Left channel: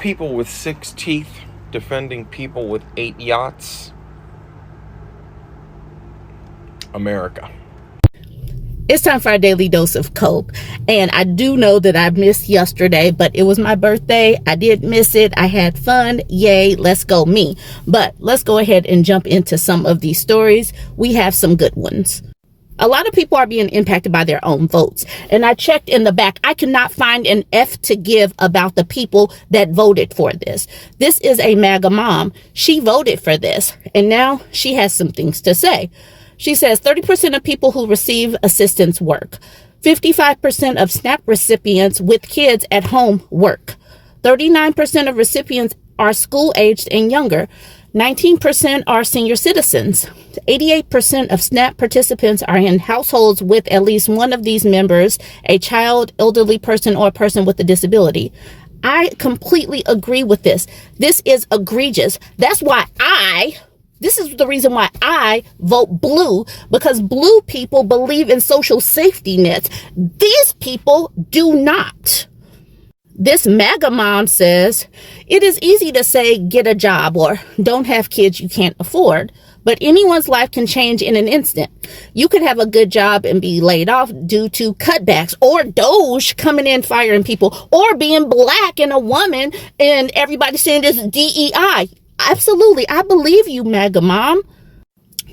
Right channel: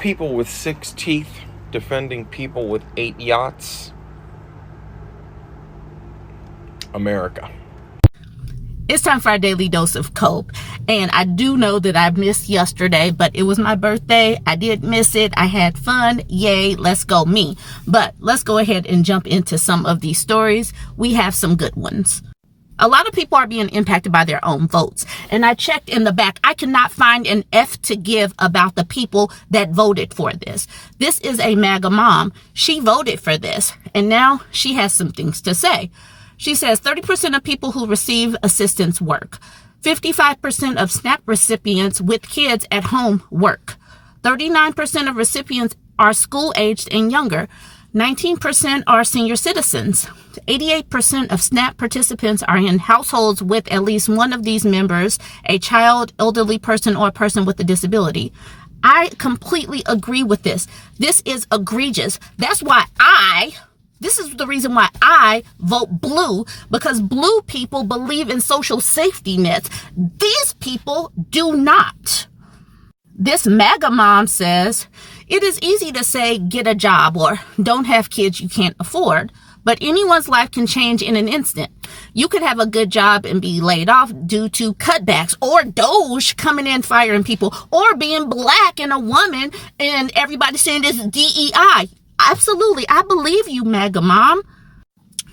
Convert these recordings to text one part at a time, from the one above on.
people with 6 teeth defending people with 8 yachts. America. It's time for our daily dose of cope. And I do know that I missed yesterday, but it was my birthday. I did miss it. I had fun. Yay, let's go me. But let's go ahead and jump into some of these stories. We have some good ones. A lot of people are being impacted by their own votes. And I checked in the back. I cannot find an F to give about the people that voted for this. This is a MAGA mom. She voted for this. And now she has some things to say. She says 30% of people who receive assistance work. 55% of SNAP recipients with kids at home work. 39% of recipients are school-aged and younger. 19% are senior citizens. 88% of SNAP participants are in households with at least one of these members, a child, elderly person, or a person with a disability. I completely agree with this. This is egregious. This is the reason why I vote blue, because blue people believe in social safety nets. These people do not. This MAGA mom says, it is easy to say get a job or don't have kids you can't afford, but anyone's life can change in an instant. You could have a good job and be laid off due to cutbacks, or Doge coming in firing people, or being black and a woman and everybody saying this DEI. Absolutely. I believe you, MAGA mom.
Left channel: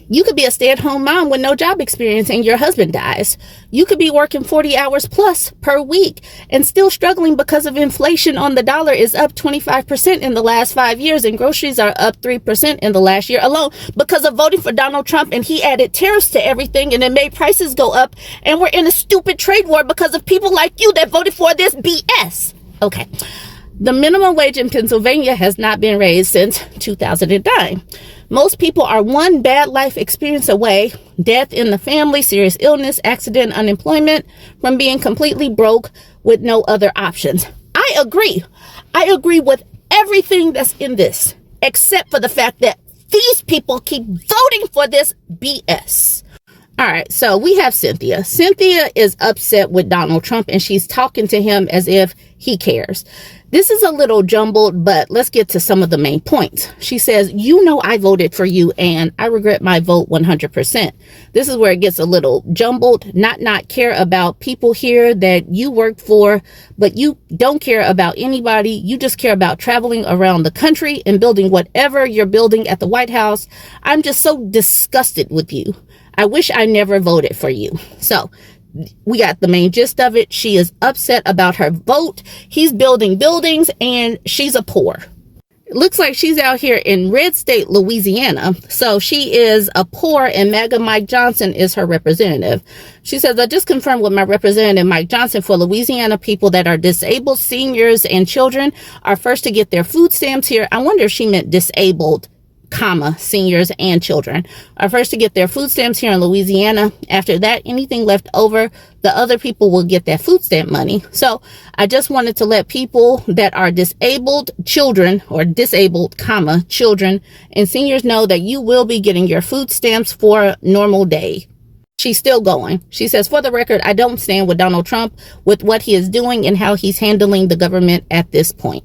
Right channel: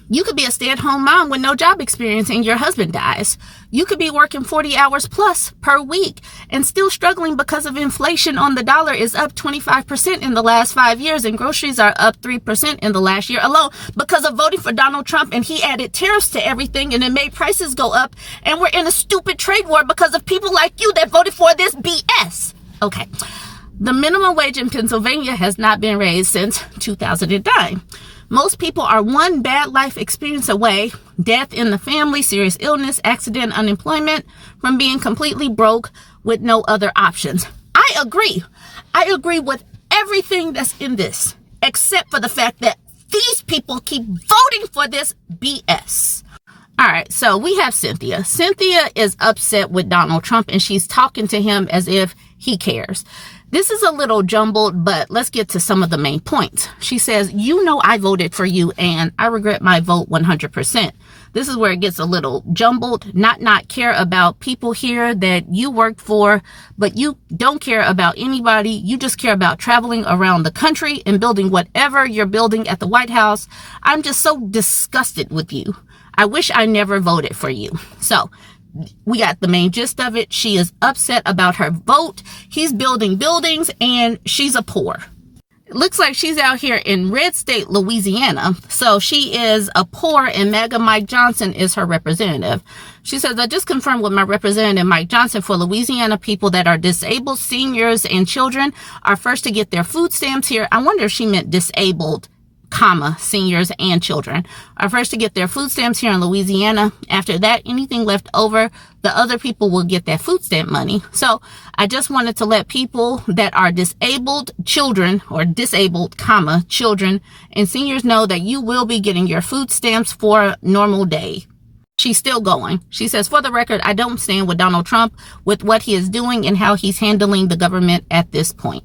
You could be a stay-at-home mom with no job experience and your husband dies. You could be working 40 hours plus per week and still struggling because of inflation on the dollar is up 25% in the last 5 years and groceries are up 3% in the last year alone because of voting for Donald Trump, and he added tariffs to everything and it made prices go up, and we're in a stupid trade war because of people like you that voted for this BS. Okay. The minimum wage in Pennsylvania has not been raised since 2009. Most people are one bad life experience away, death in the family, serious illness, accident, unemployment, from being completely broke with no other options. I agree. I agree with everything that's in this, except for the fact that these people keep voting for this BS. All right, so we have Cynthia. Cynthia is upset with Donald Trump, and she's talking to him as if he cares. This is a little jumbled, but let's get to some of the main points. She says, you know I voted for you, and I regret my vote 100%. This is where it gets a little jumbled. Not care about people here that you work for, but you don't care about anybody. You just care about traveling around the country and building whatever you're building at the White House. I'm just so disgusted with you. I wish I never voted for you. So we got the main gist of it. She is upset about her vote. He's building buildings and she's a poor. It looks like she's out here in red state, Louisiana. So she is a poor, and MAGA Mike Johnson is her representative. She says, I just confirmed with my representative, Mike Johnson, for Louisiana, people that are disabled, seniors, and children are first to get their food stamps here. I wonder if she meant disabled, seniors and children are first to get their food stamps here in Louisiana. After that, anything left over, the other people will get that food stamp money. So I just wanted to let people that are disabled children, or disabled, children and seniors know that you will be getting your food stamps for a normal day. She's still going. She says, for the record, I don't stand with Donald Trump with what he is doing and how he's handling the government at this point.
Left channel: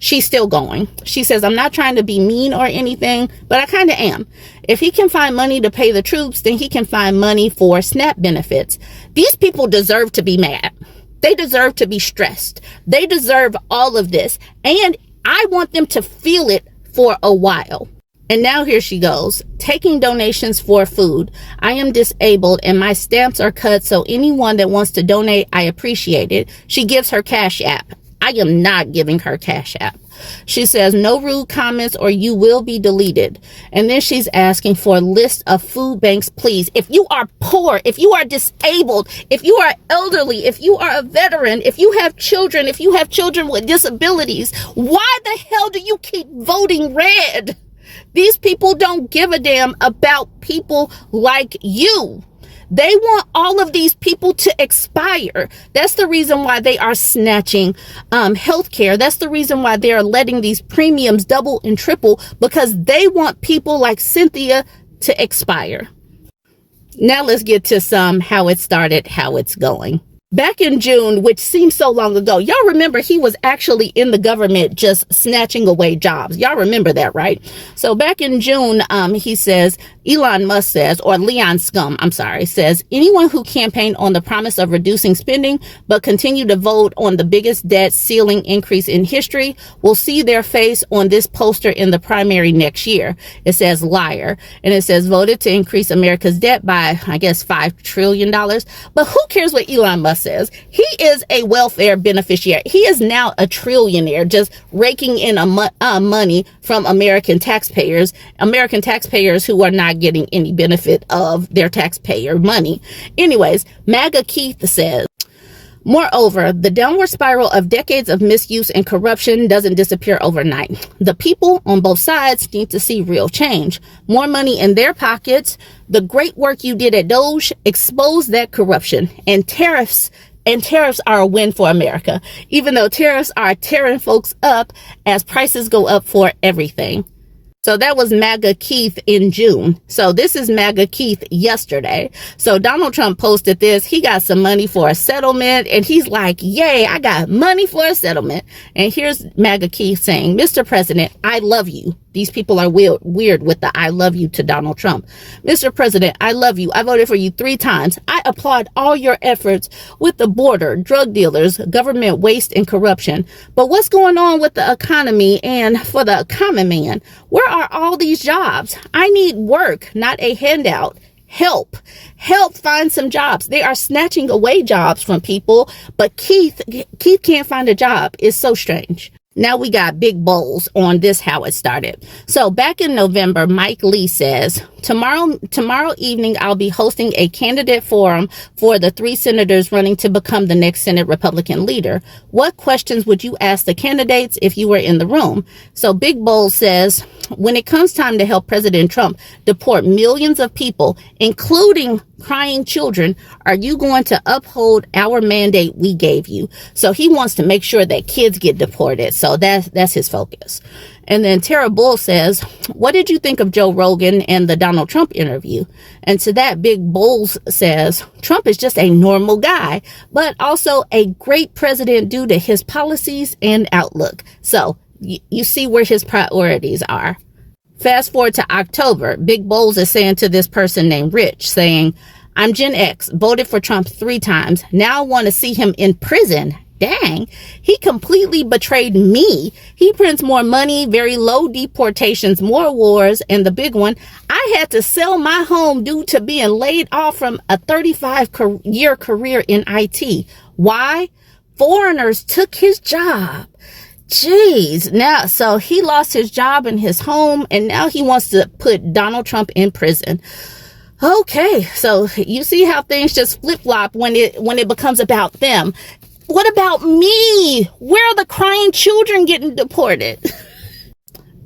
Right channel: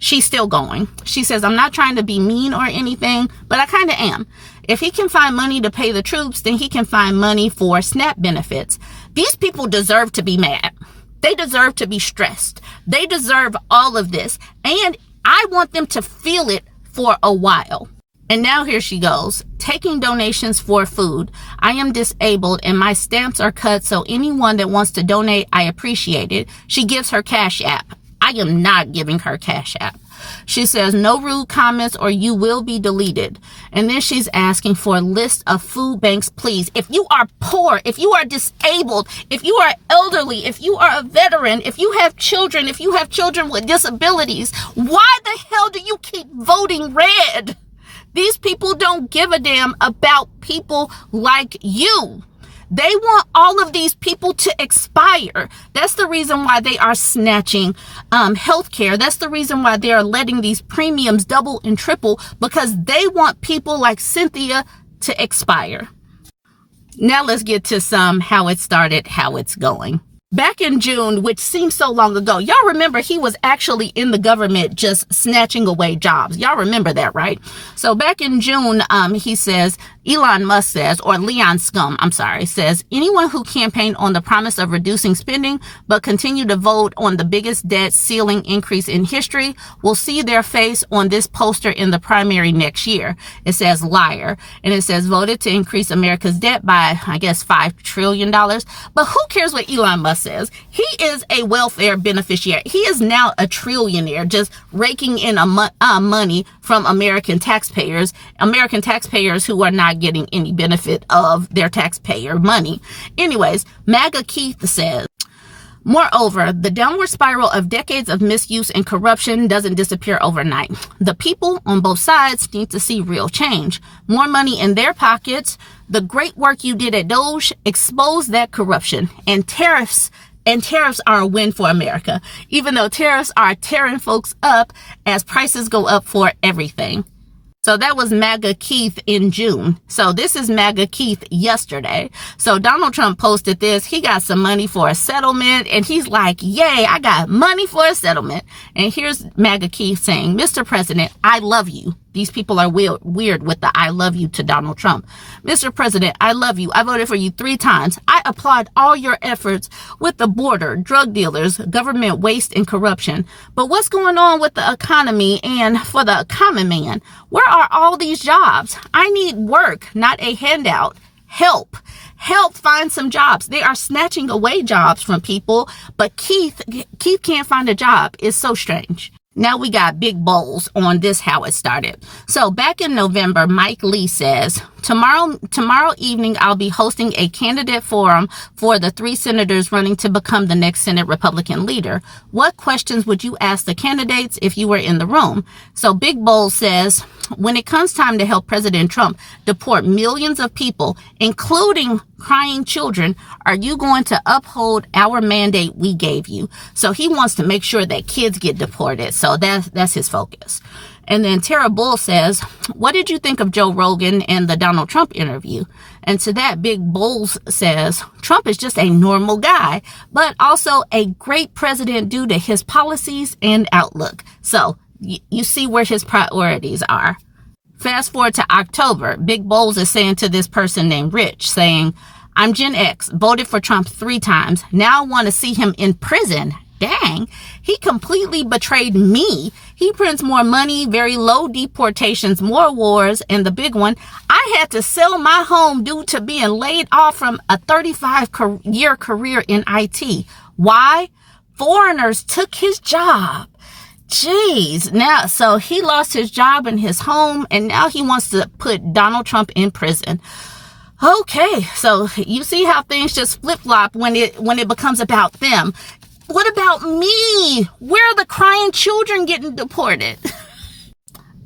She's still going. She says, I'm not trying to be mean or anything, but I kind of am. If he can find money to pay the troops, then he can find money for SNAP benefits. These people deserve to be mad. They deserve to be stressed. They deserve all of this. And I want them to feel it for a while. And now here she goes, taking donations for food. I am disabled and my stamps are cut, so anyone that wants to donate, I appreciate it. She gives her Cash App. I am not giving her Cash App. She says, no rude comments or you will be deleted. And then she's asking for a list of food banks, please. If you are poor, if you are disabled, if you are elderly, if you are a veteran, if you have children with disabilities, why the hell do you keep voting red? These people don't give a damn about people like you. They want all of these people to expire. That's the reason why they are snatching health care. That's the reason why they are letting these premiums double and triple, because they want people like Cynthia to expire. Now let's get to some how it started, how it's going. Back in June, which seems so long ago, y'all remember he was actually in the government just snatching away jobs. Y'all remember that, right? So back in June, he says, Elon Musk says, or Leon Scum, says, anyone who campaigned on the promise of reducing spending but continue to vote on the biggest debt ceiling increase in history will see their face on this poster in the primary next year. It says liar. And it says voted to increase America's debt by, I guess, $5 trillion. But who cares what Elon Musk says? He is a welfare beneficiary. He is now a trillionaire, just raking in money from American taxpayers who are not getting any benefit of their taxpayer money. Anyways, MAGA Keith says, moreover, the downward spiral of decades of misuse and corruption doesn't disappear overnight. The people on both sides need to see real change. More money in their pockets. The great work you did at Doge exposed that corruption. And tariffs are a win for America, even though tariffs are tearing folks up as prices go up for everything. So that was MAGA Keith in June. So this is MAGA Keith yesterday. So Donald Trump posted this. He got some money for a settlement and he's like, yay, I got money for a settlement. And here's MAGA Keith saying, Mr. President, I love you. These people are weird with the I love you to Donald Trump. Mr. President, I love you. I voted for you 3 times. I applaud all your efforts with the border, drug dealers, government waste and corruption. But what's going on with the economy and for the common man? Where are all these jobs? I need work, not a handout. Help find some jobs. They are snatching away jobs from people, but Keith can't find a job. It's so strange. Now we got big bowls on this, how it started. So back in November, Mike Lee says, tomorrow evening, I'll be hosting a candidate forum for the 3 senators running to become the next Senate Republican leader. What questions would you ask the candidates if you were in the room? So Big Bowl says, when it comes time to help President Trump deport millions of people, including crying children, are you going to uphold our mandate we gave you? So he wants to make sure that kids get deported. So that's his focus. And then Tara Bull says, what did you think of Joe Rogan and the Donald Trump interview? And to that, Big Bulls says, Trump is just a normal guy, but also a great president due to his policies and outlook. So you see where his priorities are. Fast forward to October, Big Bowls is saying to this person named Rich, saying, I'm Gen X, voted for Trump 3 times. Now I want to see him in prison. Dang, he completely betrayed me. He prints more money, very low deportations, more wars, and the big one, I had to sell my home due to being laid off from a 35-year career in IT. Why? Foreigners took his job. Jeez. Now, so he lost his job and his home, and now he wants to put Donald Trump in prison. Okay, so you see how things just flip-flop when it becomes about them. What about me? Where are the crying children getting deported?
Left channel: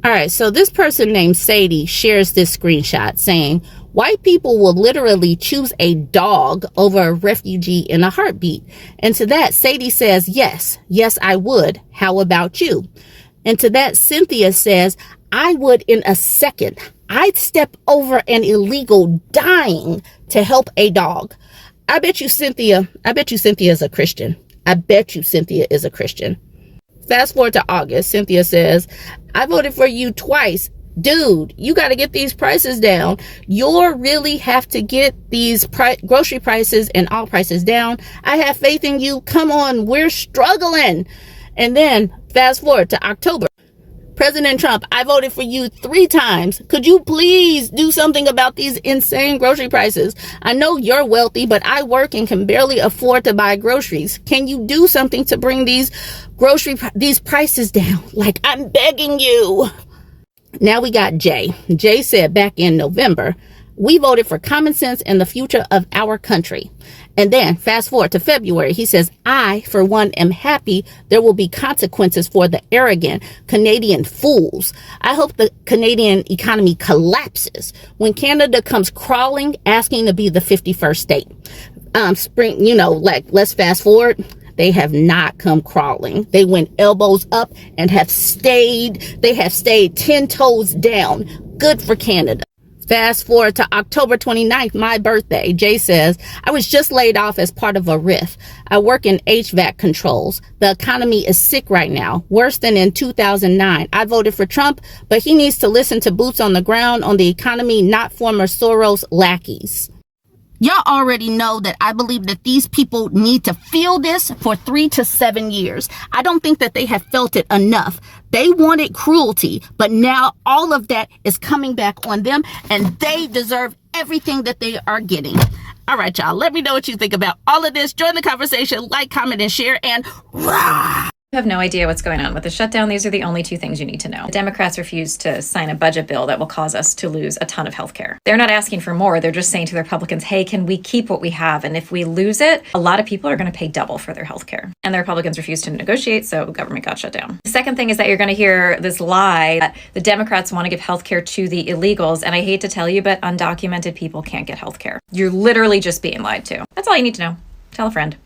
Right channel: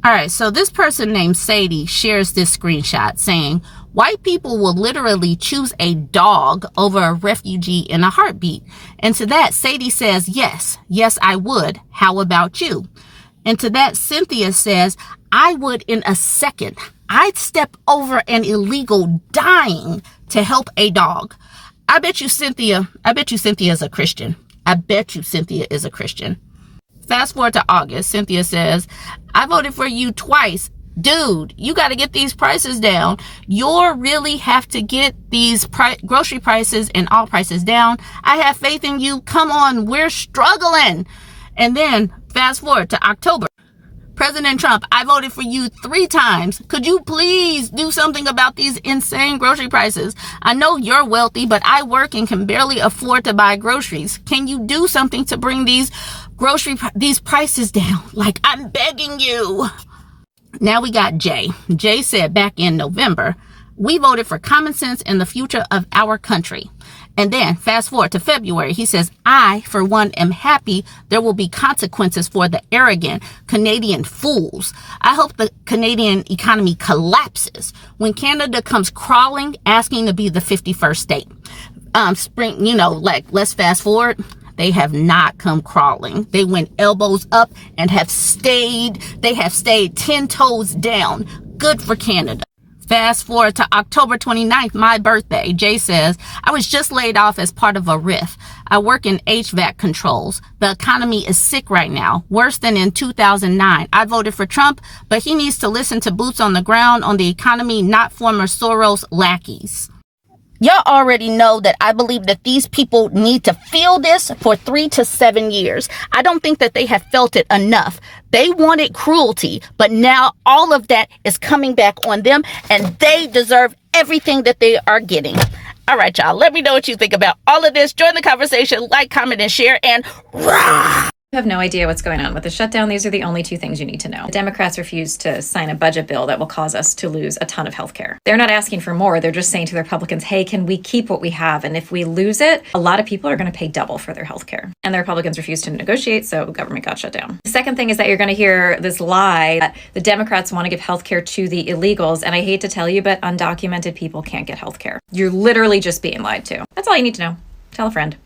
All right, so this person named Sadie shares this screenshot saying, white people will literally choose a dog over a refugee in a heartbeat. And to that, Sadie says, yes, I would. How about you? And to that, Cynthia says, I would in a second. I'd step over an illegal dying to help a dog. I bet you Cynthia is a Christian. I bet you Cynthia is a Christian. Fast forward to August, Cynthia says, I voted for you twice. Dude, you got to get these prices down. You really have to get these grocery prices and all prices down. I have faith in you. Come on, we're struggling. And then fast forward to October. President Trump, I voted for you 3 times. Could you please do something about these insane grocery prices? I know you're wealthy, but I work and can barely afford to buy groceries. Can you do something to bring these prices down? Like, I'm begging you. Now we got Jay. Jay said back in November, we voted for common sense and the future of our country. And then fast forward to February, he says, I, for one, am happy there will be consequences for the arrogant Canadian fools. I hope the Canadian economy collapses when Canada comes crawling, asking to be the 51st state. Let's fast forward. They have not come crawling. They went elbows up and have stayed. They have stayed 10 toes down. Good for Canada. Fast forward to October 29th, my birthday. Jay says, I was just laid off as part of a RIF. I work in HVAC controls. The economy is sick right now, worse than in 2009. I voted for Trump, but he needs to listen to boots on the ground on the economy, not former Soros lackeys. Y'all already know that I believe that these people need to feel this for 3 to 7 years. I don't think that they have felt it enough. They wanted cruelty, but now all of that is coming back on them, and they deserve everything that they are getting. All right, y'all, let me know what you think about all of this. Join the conversation, like, comment, and share, and rah! You have no idea what's going on with the shutdown. These are the only two things you need to know. The Democrats refused to sign a budget bill that will cause us to lose a ton of healthcare. They're not asking for more. They're just saying to the Republicans, hey, can we keep what we have? And if we lose it, a lot of people are going to pay double for their healthcare. And the Republicans refused to negotiate, so government got shut down. The second thing is that you're going to hear this lie that the Democrats want to give healthcare to the illegals. And I hate to tell you, but undocumented people can't get healthcare. You're literally just being lied to. That's all you need to know. Tell a friend.